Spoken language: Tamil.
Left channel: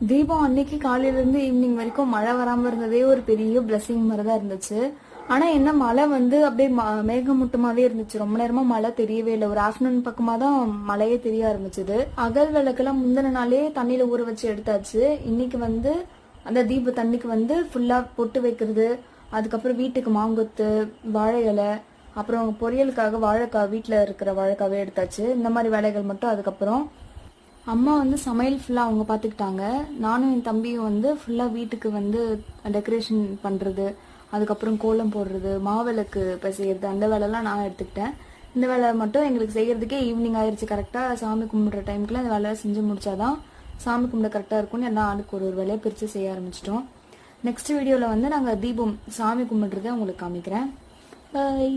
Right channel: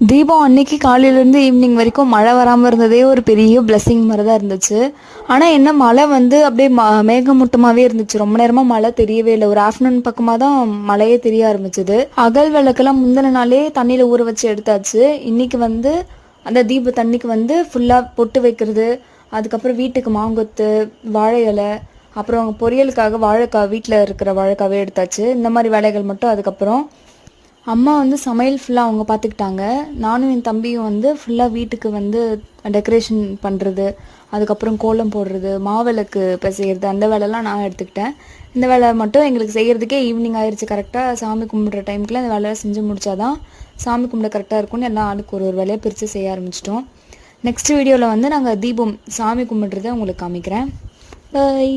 தீபம் அன்னைக்கு காலையிலேருந்து ஈவினிங் வரைக்கும் மழை வராமல் இருந்ததே ஒரு பெரிய பிளெஸிங் மாதிரி தான் இருந்துச்சு. ஆனால் என்ன மழை வந்து அப்படியே மேகமூட்டமாகவே இருந்துச்சு. ரொம்ப நேரமாக மழை தெரியவே இல்லை. ஒரு ஆஃப்டர்நூன் பக்கமாக தான் மழையே தெரிய ஆரம்பிச்சது. அகல் விளக்கெல்லாம் முந்தின நாளே தண்ணியில் ஊற வச்சு எடுத்தாச்சு. இன்னைக்கு வந்து அந்த தீப தண்ணிக்கு வந்து ஃபுல்லாக பொட்டு வைக்கிறது, அதுக்கப்புறம் வீட்டுக்கு மாங்கொத்து, வாழை இலை, அப்புறம் பொரியலுக்காக வாழைக்காய், வீட்டில் இருக்கிற வாழைக்காவே எடுத்தாச்சு. இந்த மாதிரி வேலைகள் மட்டும். அதுக்கப்புறம் அம்மா வந்து சமையல் ஃபுல்லாக அவங்க பார்த்துக்கிட்டாங்க. நானும் என் தம்பியும் வந்து ஃபுல்லாக வீட்டுக்கு வந்து டெக்கரேஷன் பண்ணுறது, அதுக்கப்புறம் கோலம் போடுறது, மாவிளக்கு பிசைகிறது, அந்த வேலைலாம் நான் எடுத்துக்கிட்டேன். இந்த வேலை மட்டும் எங்களுக்கு செய்கிறதுக்கே ஈவினிங் ஆயிடுச்சு. கரெக்டாக சாமி கும்பிட்ற டைமுக்குள்ள இந்த வேலையை செஞ்சு முடிச்சாதான் சாமி கும்பிட கரெக்டாக இருக்கும்னு எல்லாம் ஆளுக்கு ஒரு ஒரு வேலையை பிரித்து செய்ய ஆரம்பிச்சிட்டோம். நெக்ஸ்ட் வீடியோவில் வந்து நாங்கள் தீபம் சாமி கும்பிட்றதை உங்களுக்கு காமிக்கிறேன். பை.